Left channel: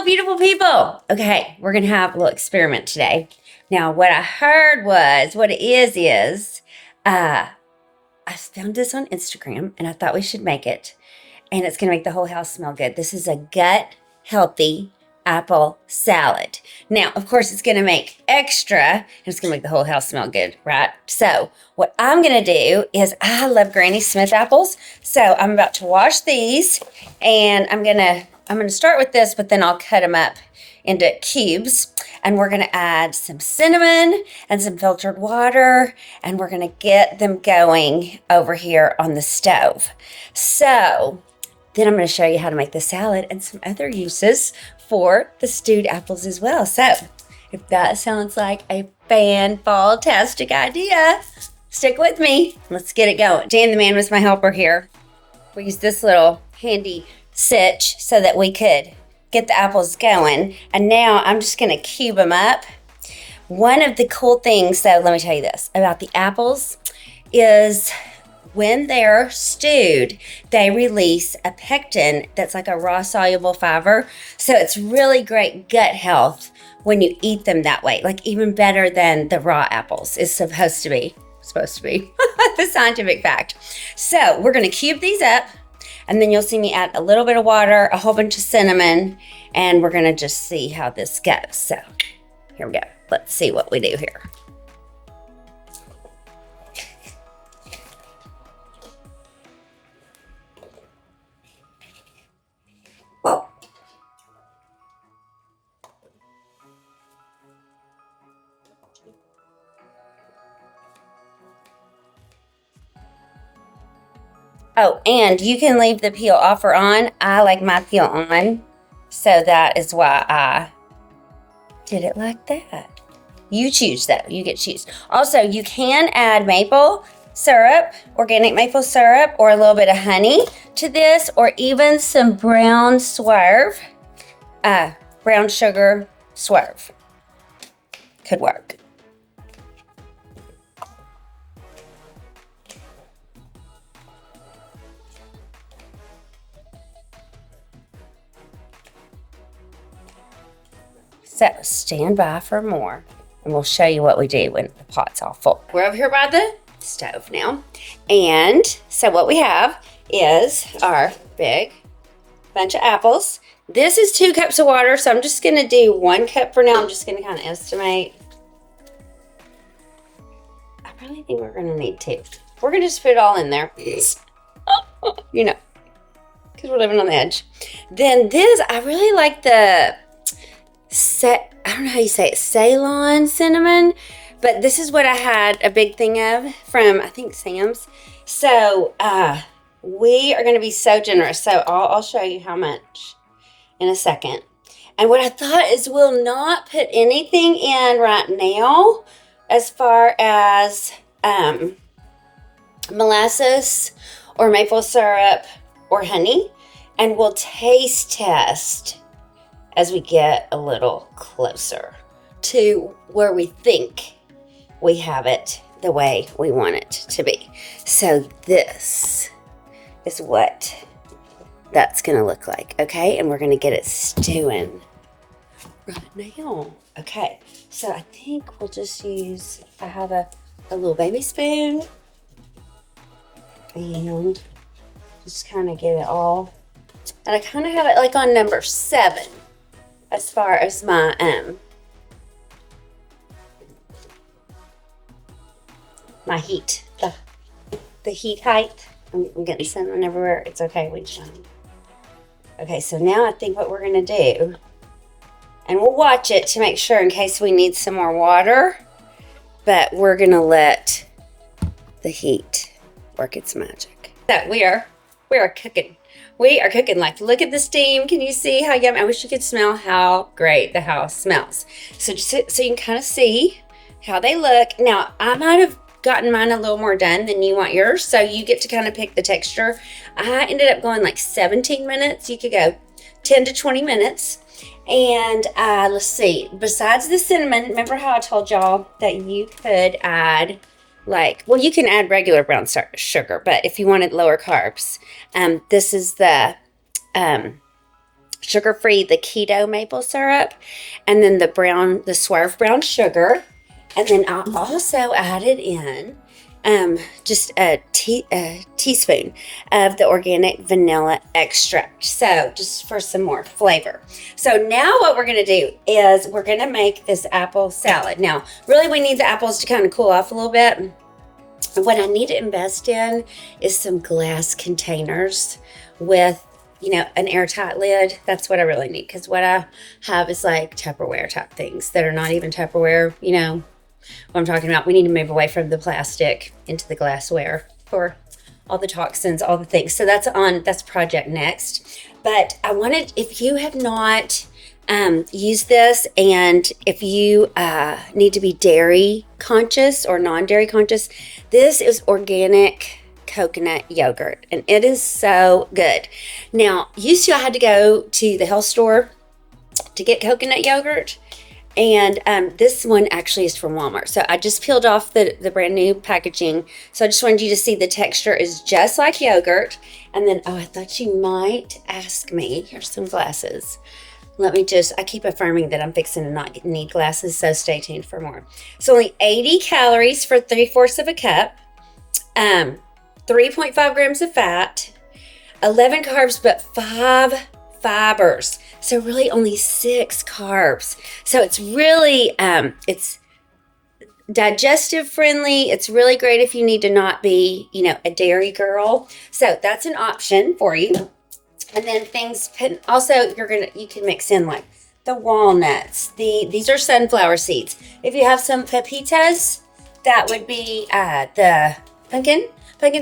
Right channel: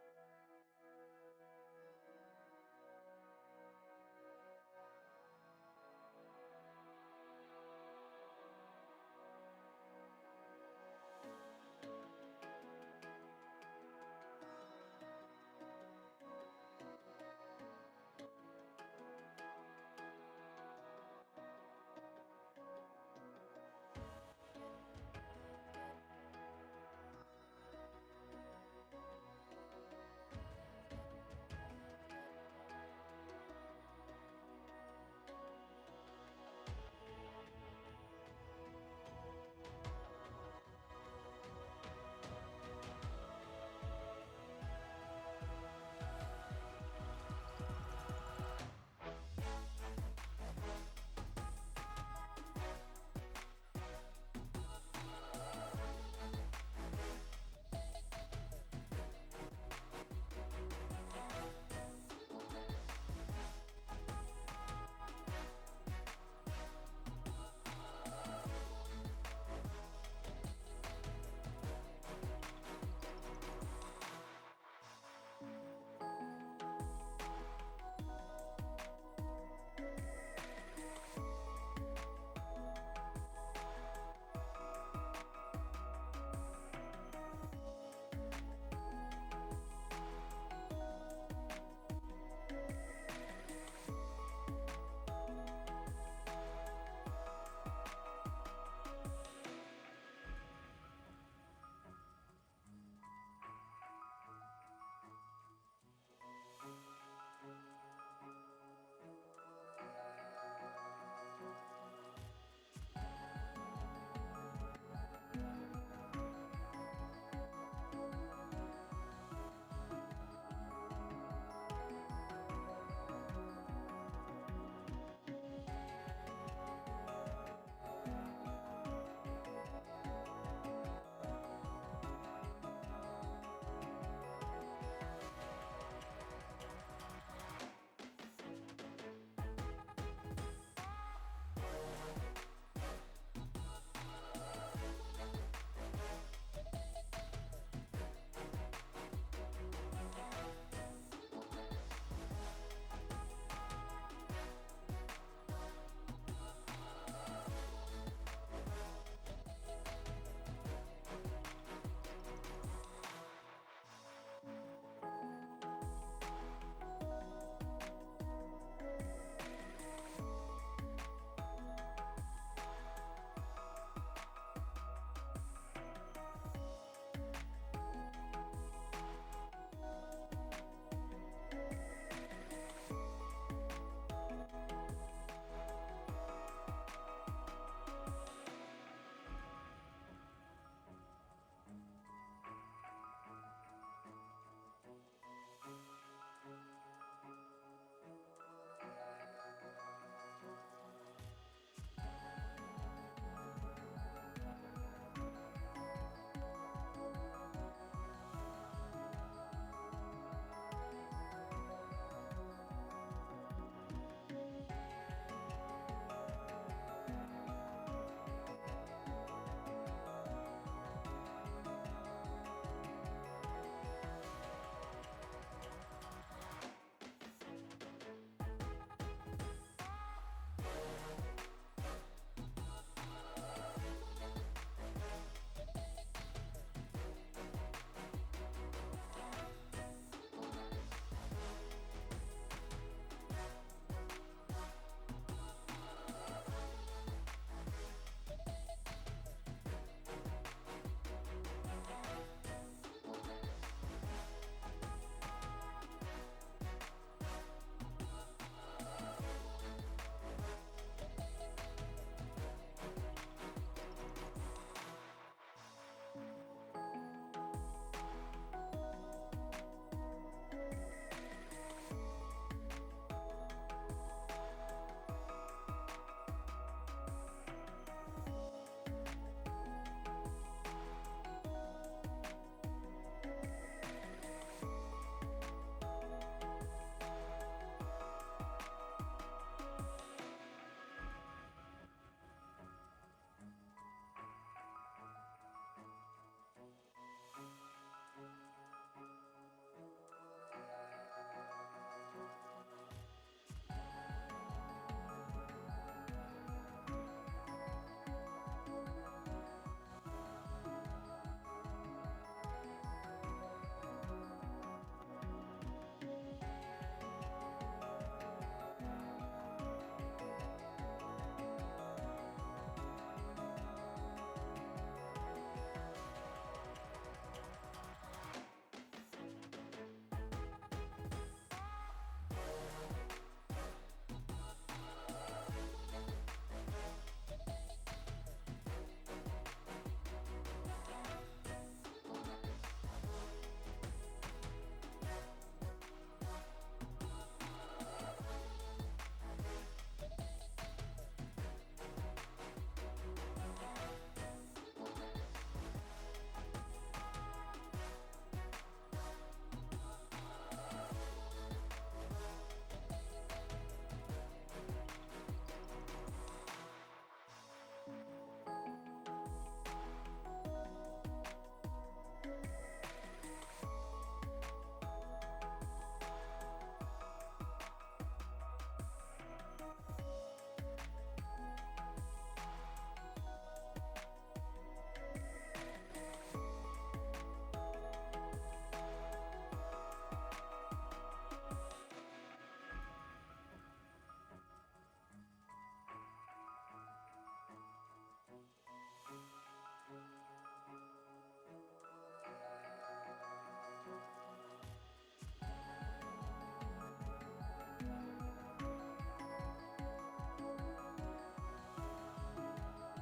Hello, beautiful people. Okay, we're gonna have a little experiment today. Now, what I heard was, what it is, I found this on Instagram and I thought we should make it. And it's gonna make the whole house smell good. This is a gut healthy apple salad. Now, of course, it's gonna make extra, and it's gonna make the whole house smell good, right? So, what I'm gonna do is, I love Granny Smith apples. So, I'm about to wash these, and I'm gonna start with this, but then I'll cut them up into cubes, and we're gonna add some cinnamon and some filtered water, and we're gonna get them going over here on the stove. So, then I'm gonna show you how to make the salad and some other uses for the stewed apples as well. So, if that sounds like a fan-tastic idea, stick with me. Let's get it going. Dan the man was my helper here. We used this little handy sitch so that we could get the apples going. And now I'm just gonna cube them up. One of the cool things, though, let me tell you this about the apples, is when they're stewed, they release a pectin that's like a raw soluble fiber. So it's really great gut health when you eat them that way, like even better than the raw apples is supposed to be the scientific fact. So we're gonna cube these up, and then you'll see me add a little bit of water, a whole bunch of cinnamon, and we're gonna just see how this goes. So here we go. Let's see what we do here. Whoa. Oh, and you can leave the peel off or on. I like my peel on, so that is why I did it like that. You choose though, you get to choose. Also, you can add maple syrup, organic maple syrup, or a little bit of honey to this, or even some brown swerve, brown sugar swerve. Could work. So stand by for more, and we'll show you what we do when the pot's all full. We're over here by the stove now, and so what we have is our big bunch of apples. This is 2 cups of water, so I'm just gonna do 1 cup for now. I'm just gonna kind of estimate. I probably think we're gonna need 2. We're gonna just put it all in there, you know, because we're living on the edge. Then this, I really like the I don't know how you say it, Ceylon cinnamon, but this is what I had a big thing of from, I think, Sam's. So we are going to be so generous. So I'll show you how much in a second. And what I thought is, we'll not put anything in right now as far as molasses or maple syrup or honey, and we'll taste test as we get a little closer to where we think we have it the way we want it to be. So this is what that's gonna look like, okay? And we're gonna get it stewing right now. Okay, so I think we'll just use, I have a little baby spoon, and just kind of get it all. And I kind of have it like on number 7. As far as my my heat, the heat height. I'm getting cinnamon everywhere. It's okay, we just. Okay, so now I think what we're gonna do, and we'll watch it to make sure in case we need some more water, but we're gonna let the heat work its magic. So we are cooking. We are cooking, like, look at the steam. Can you see how yummy? I wish you could smell how great the house smells. So just so you can kind of see how they look. Now, I might have gotten mine a little more done than you want yours, so you get to kind of pick the texture. I ended up going like 17 minutes. You could go 10 to 20 minutes. And let's see, besides the cinnamon, remember how I told y'all that you could add, like, well, you can add regular brown sugar, but if you wanted lower carbs, this is the sugar-free, the keto maple syrup, and then the Swerve brown sugar. And then I also added in just a teaspoon of the organic vanilla extract. So just for some more flavor. So now what we're gonna do is we're gonna make this apple salad. Now, really we need the apples to kind of cool off a little bit. What I need to invest in is some glass containers with, you know, an airtight lid. That's what I really need, because what I have is like Tupperware type things that are not even Tupperware, you know what I'm talking about. We need to move away from the plastic into the glassware for all the toxins, all the things. So that's project next. But I wanted, if you have not used this, and if you need to be dairy conscious or non-dairy conscious, this is organic coconut yogurt, and it is so good. Now, used to I had to go to the health store to get coconut yogurt, and this one actually is from Walmart. So I just peeled off the brand new packaging. So I just wanted you to see the texture is just like yogurt. And then, oh, I thought you might ask me. Here's some glasses. I keep affirming that I'm fixing to not need glasses, so stay tuned for more. So only 80 calories for 3/4 of a cup, 3.5 grams of fat, 11 carbs, but 5 fibers. So really only 6 carbs. So it's really, it's digestive friendly. It's really great if you need to not be, you know, a dairy girl. So that's an option for you. And then also you can mix in like the walnuts. These are sunflower seeds. If you have some pepitas, that would be the pumpkin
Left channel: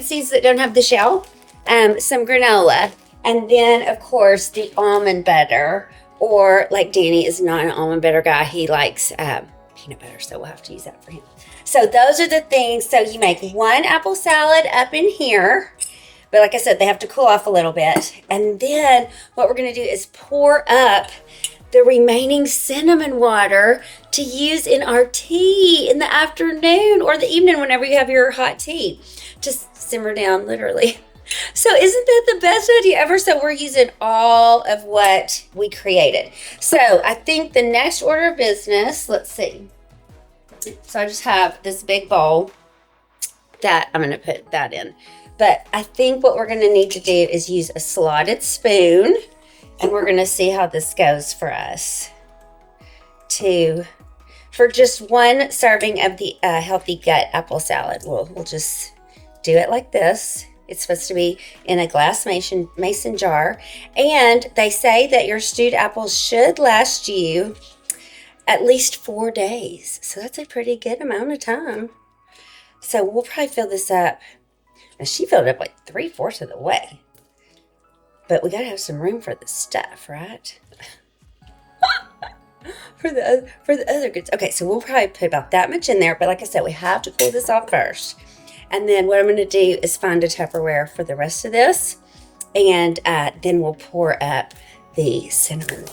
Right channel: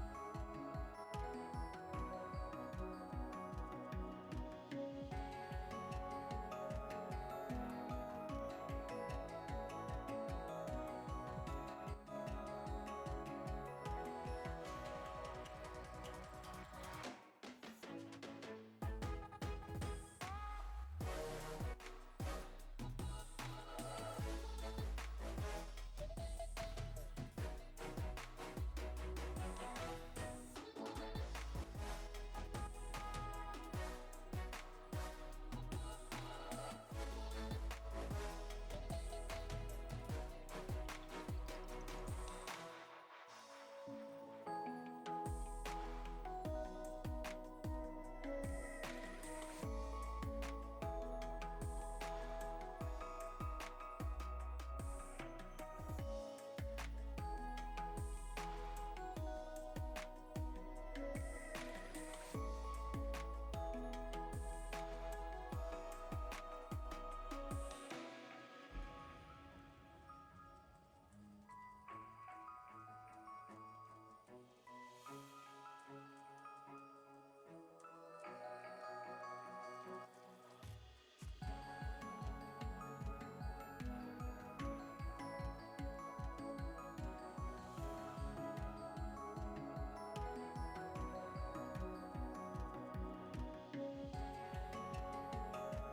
seeds that don't have the shell. Some granola. And then, of course, the almond butter, or like Danny is not an almond butter guy. He likes peanut butter, so we'll have to use that for him. So those are the things. So you make one apple salad up in here. But like I said, they have to cool off a little bit. And then what we're going to do is pour up the remaining cinnamon water to use in our tea in the afternoon or the evening whenever you have your hot tea. Just simmer down, literally. So isn't that the best idea ever? So we're using all of what we created. So I think the next order of business, let's see. So I just have this big bowl that I'm going to put that in. But I think what we're going to need to do is use a slotted spoon, and we're going to see how this goes for us. For just one serving of the healthy gut apple salad, we'll just do it like this. It's supposed to be in a glass mason jar. And they say that your stewed apples should last you at least 4 days. So that's a pretty good amount of time. So we'll probably fill this up. Now she filled it up like 3/4 of the way. But we gotta have some room for the stuff, right? for the other goods. Okay, so we'll probably put about that much in there. But like I said, we have to cool this off first. And then what I'm going to do is find a Tupperware for the rest of this. And then we'll pour up the cinnamon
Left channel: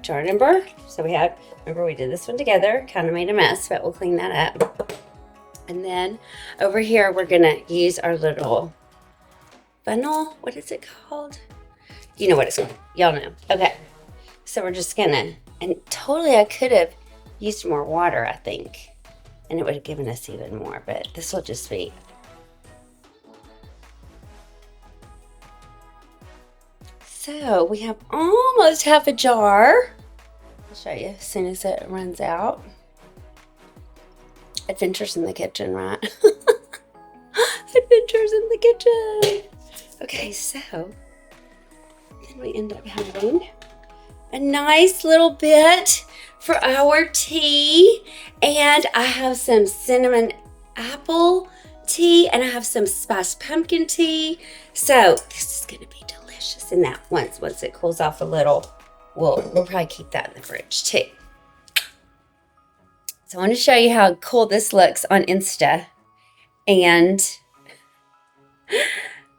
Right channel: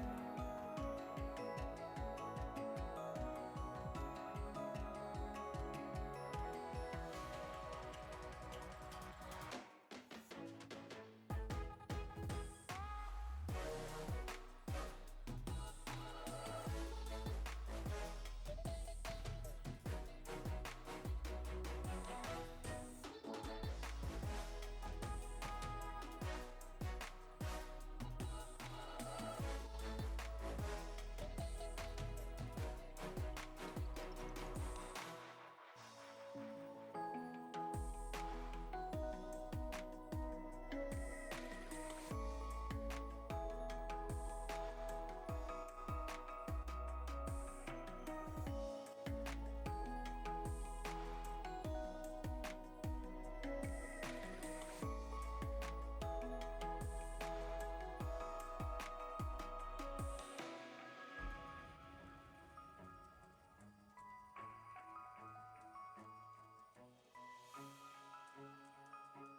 jar number. So remember we did this one together, kind of made a mess, but we'll clean that up. And then over here, we're going to use our little funnel. What is it called? You know what it's called. Y'all know. Okay. So we're just going to, and totally I could have used more water, I think. And it would have given us even more, but this will just be. So we have almost half a jar. I'll show you as soon as it runs out. Adventures in the kitchen, right? Adventures in the kitchen. Okay, so then we end up having a nice little bit for our tea, and I have some cinnamon apple tea, and I have some spiced pumpkin tea. So this is gonna be delicious. And that once it cools off a little, we'll probably keep that in the fridge too. So I want to show you how cool this looks on Insta, and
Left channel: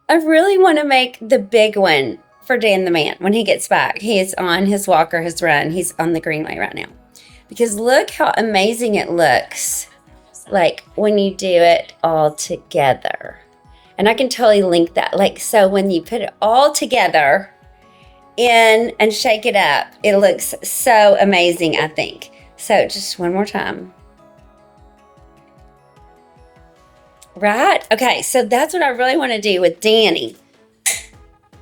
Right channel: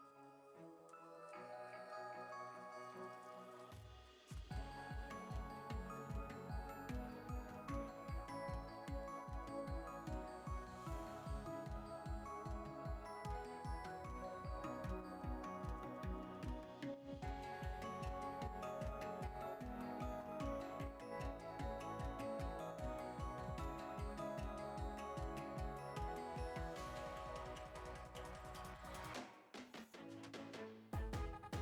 I really want to make the big one for Dan the man when he gets back. He is on his walk or his run. He's on the Greenway right now. Because look how amazing it looks like when you do it all together. And I can totally link that. Like, so when you put it all together, in and shake it up. It looks so amazing, I think. So just one more time. Right? Okay, so that's what I really want to do with Danny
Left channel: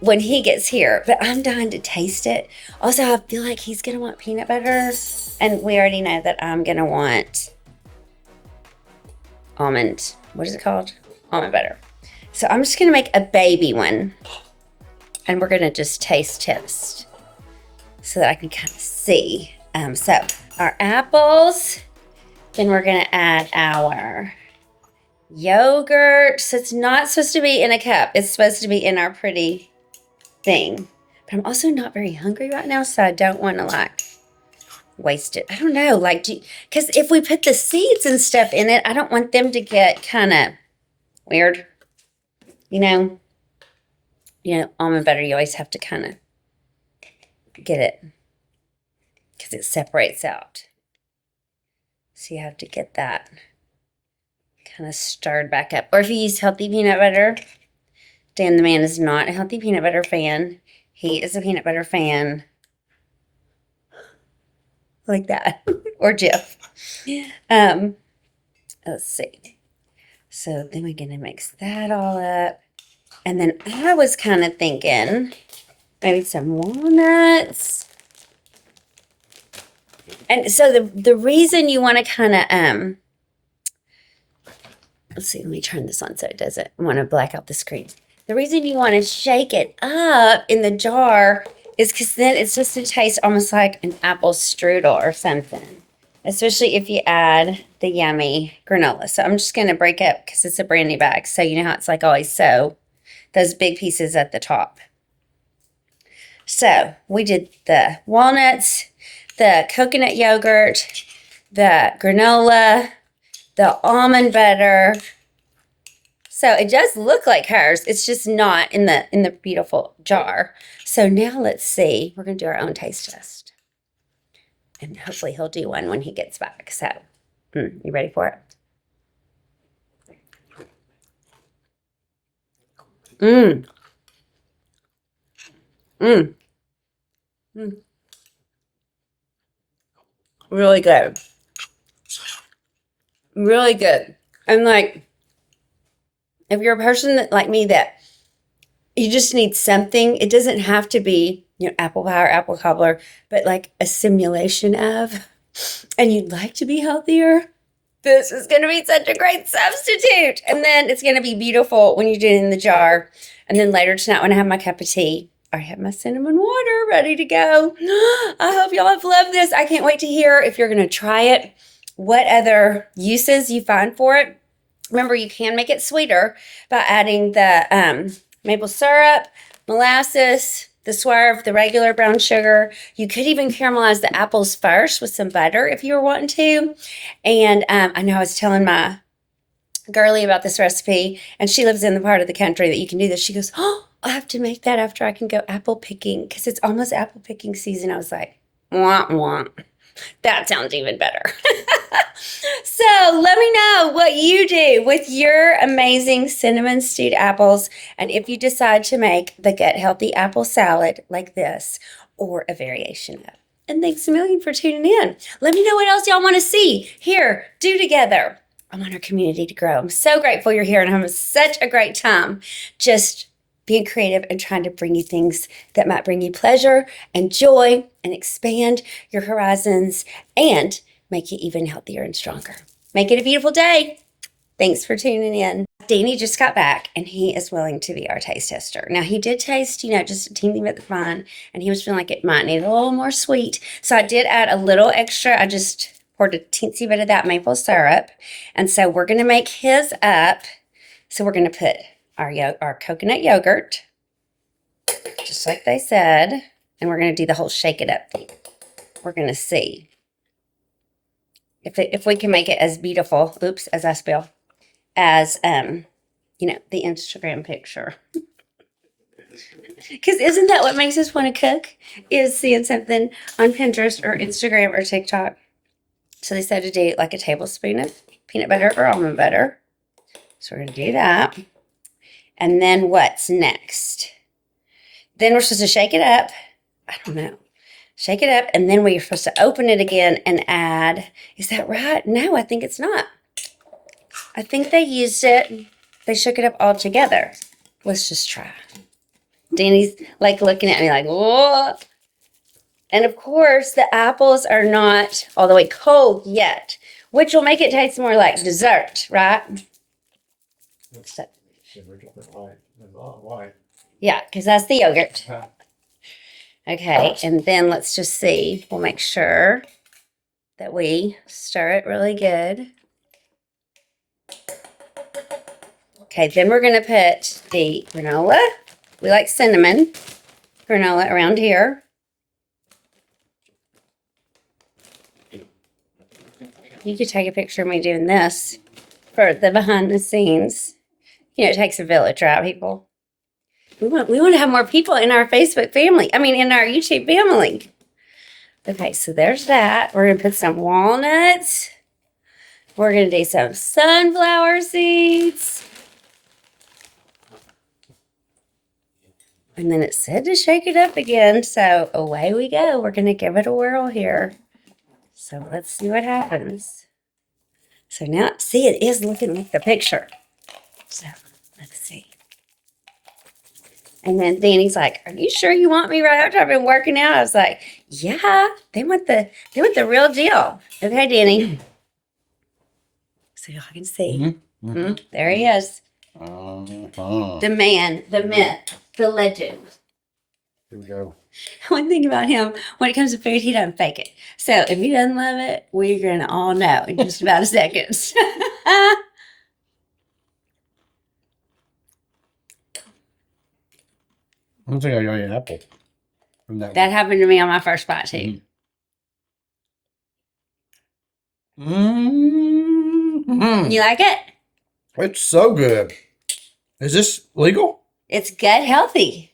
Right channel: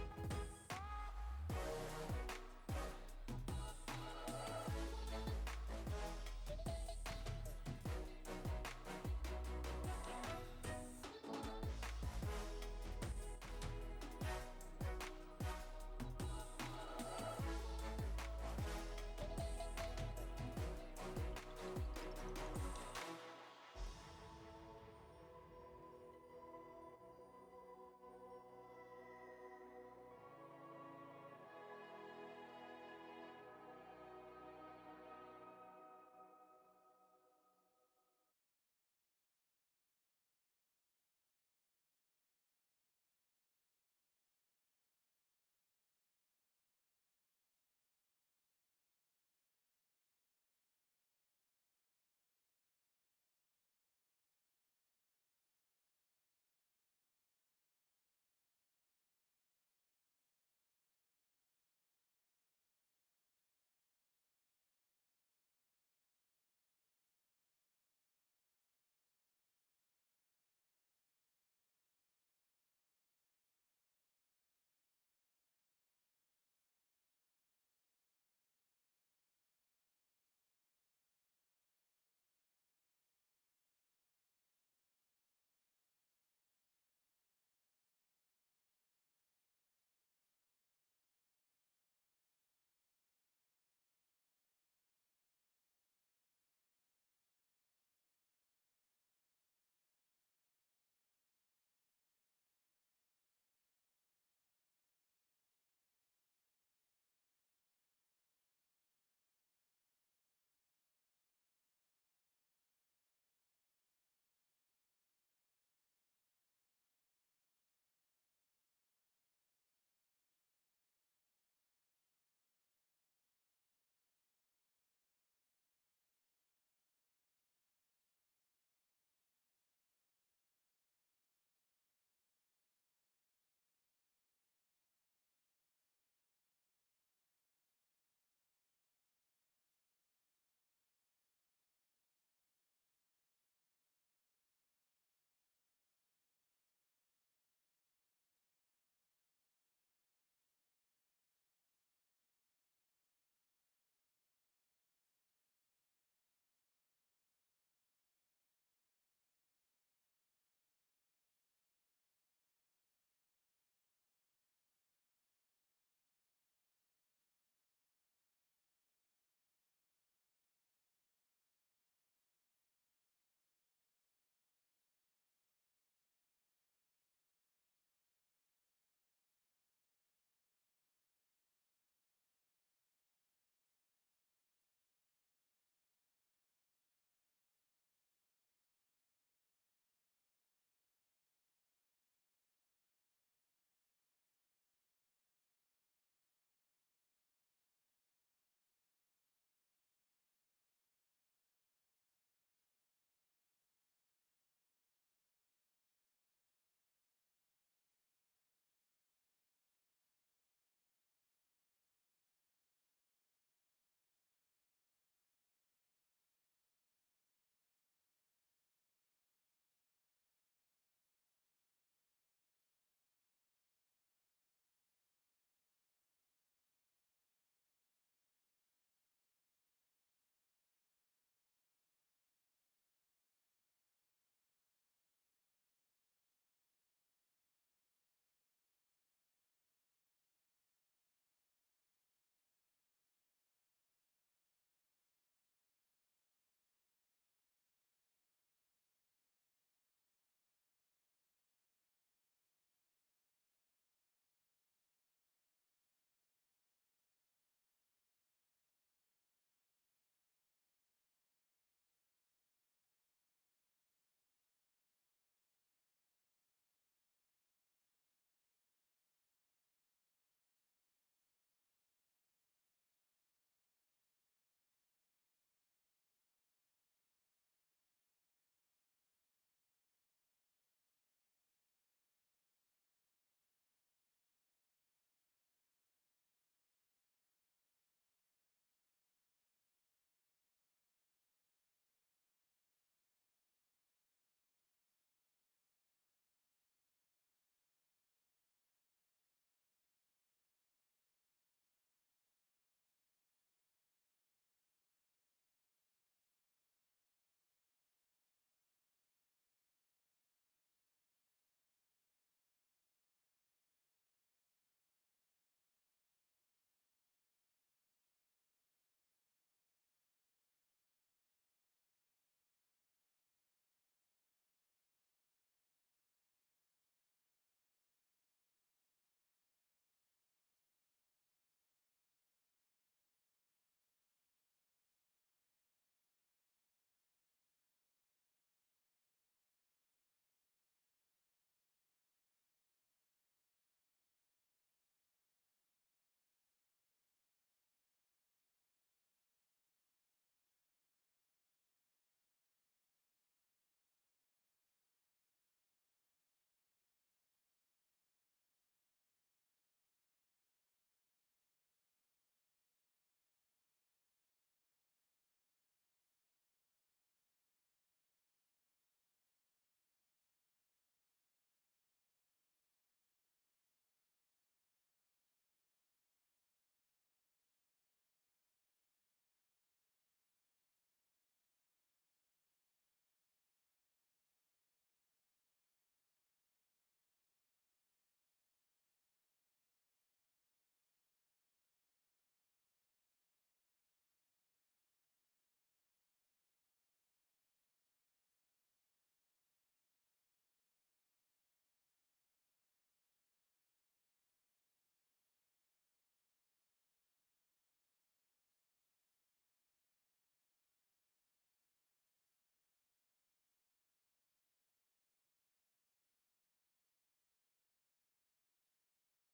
when he gets here. But I'm dying to taste it. Also, I feel like he's going to want peanut butter. And we already know that I'm going to want almond. What is it called? Almond butter. So I'm just going to make a baby one. And we're going to just taste test so that I can kind of see. So our apples. Then we're going to add our yogurt. So it's not supposed to be in a cup. It's supposed to be in our pretty thing. But I'm also not very hungry right now, so I don't want to like waste it. I don't know, like, because if we put the seeds and stuff in it, I don't want them to get kind of weird. You know, almond butter, you always have to kind of get it because it separates out. So you have to get that kind of stirred back up. Or if you use healthy peanut butter, Dan the man is not a healthy peanut butter fan. He is a peanut butter fan. Like that. Or Jeff. Let's see. So then we're going to mix that all up. And then I was kind of thinking maybe some walnuts. And so the reason you want to kind of, let's see, let me turn this on so it doesn't want to black out the screen. The reason you want to shake it up in the jar is because then it's just to taste almost like an apple strudel or something, especially if you add the yummy granola. So I'm just going to break up because it's a brand new bag. So you know how it's like always so those big pieces at the top. So we did the walnuts, the coconut yogurt, the granola, the almond butter. So it does look like hers. It's just not in the beautiful jar. So now let's see. We're going to do our own taste test. And hopefully he'll do one when he gets back. So, you ready for it? Mmm. Mmm. Mmm. Really good. Really good. And like, if you're a person that, like me, that you just need something, it doesn't have to be, apple pie or apple cobbler, but like a simulation of, and you'd like to be healthier, this is going to be such a great substitute. And then it's going to be beautiful when you do it in the jar. And then later tonight when I have my cup of tea, I have my cinnamon water ready to go. I hope y'all have loved this. I can't wait to hear if you're going to try it, what other uses you find for it. Remember, you can make it sweeter by adding the maple syrup, molasses, the swerve, the regular brown sugar. You could even caramelize the apples first with some butter if you were wanting to. And I know I was telling my girlie about this recipe, and she lives in the part of the country that you can do this. She goes, oh, I'll have to make that after I can go apple picking because it's almost apple picking season. I was like, wah, wah. That sounds even better. So let me know what you do with your amazing cinnamon stewed apples, and if you decide to make the Gut Healthy apple salad like this or a variation of. And thanks a million for tuning in. Let me know what else y'all want to see, hear, do together. I want our community to grow. I'm so grateful you're here, and I'm having such a great time just being creative and trying to bring you things that might bring you pleasure and joy and expand your horizons and make you even healthier and stronger. Make it a beautiful day. Thanks for tuning in. Danny just got back, and he is willing to be our taste tester. Now, he did taste, just a teeny bit fine, and he was feeling like it might need a little more sweet. So I did add a little extra. I just poured a teensy bit of that maple syrup. And so we're going to make his up. So we're going to put our coconut yogurt, just like they said, and we're going to do the whole shake it up thing. We're going to see if we can make it as beautiful, as I spell, as the Instagram picture. Because isn't that what makes us want to cook? Is seeing something on Pinterest or Instagram or TikTok. So they said to do like a tablespoon of peanut butter or almond butter. So we're going to do that. And then what's next? Then we're supposed to shake it up I don't know. Shake it up, and then we're supposed to open it again and add. Is that right? No, I think it's not. I think they used it. They shook it up all together. Let's just try. Danny's like looking at me like, whoa. And of course, the apples are not all the way cold yet, which will make it taste more like dessert, right? So, yeah, because that's the yogurt. Okay, and then let's just see. We'll make sure that we stir it really good. Okay, then we're going to put the granola. We like cinnamon granola around here. You could take a picture of me doing this for the behind the scenes. You know, it takes a village, right, people? We want to have more people in our Facebook family. I mean, in our YouTube family. Okay, so there's that. We're going to put some walnuts. We're going to do some sunflower seeds. And then it said to shake it up again. So away we go. We're going to give it a whirl here. So let's see what happens. So now, see, it is looking like the picture. So let's see. And then Danny's like, "Are you sure you want me right after I've been working out?" I was like, "Yeah, they want the real deal." Okay, Danny. So y'all can see. There he is. The man, the myth, the legend. Here we go. One thing about him, when it comes to food, he doesn't fake it. So if he doesn't love it, we're going to all know in just about a second. I don't think I got an apple from that That happened to me on my first bite, too. You like it? It's so good. Is this legal? It's gut healthy.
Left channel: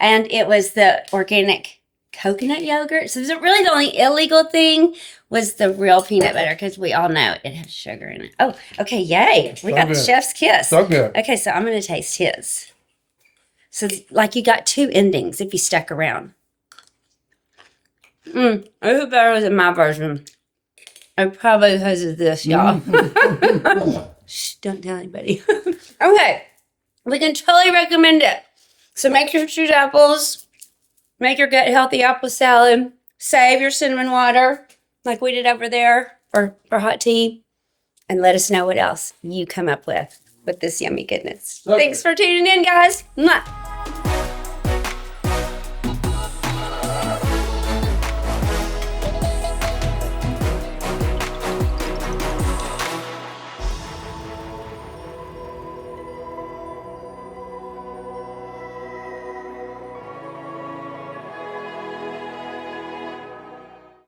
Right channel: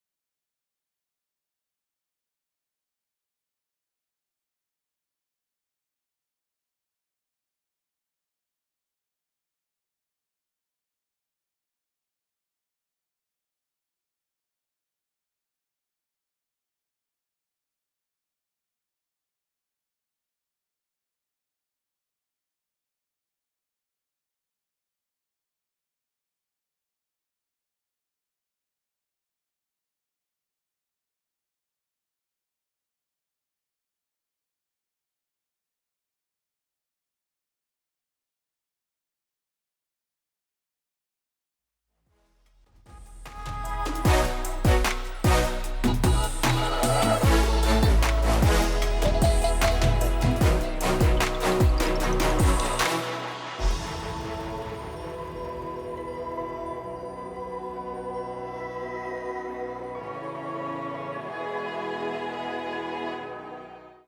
And it was the organic coconut yogurt. So really the only illegal thing was the real peanut butter, because we all know it has sugar in it. Oh, okay, yay. We got the chef's kiss. So good. Okay, so I'm going to taste his. So like you got two endings if you stuck around. I hope better than my version. And probably because of this, y'all. Shh, don't tell anybody. Okay, we can totally recommend it. So make your stewed apples, make your gut healthy apple salad, save your cinnamon water like we did over there for hot tea, and let us know what else you come up with this yummy goodness. Okay. Thanks for tuning in, guys. Mwah.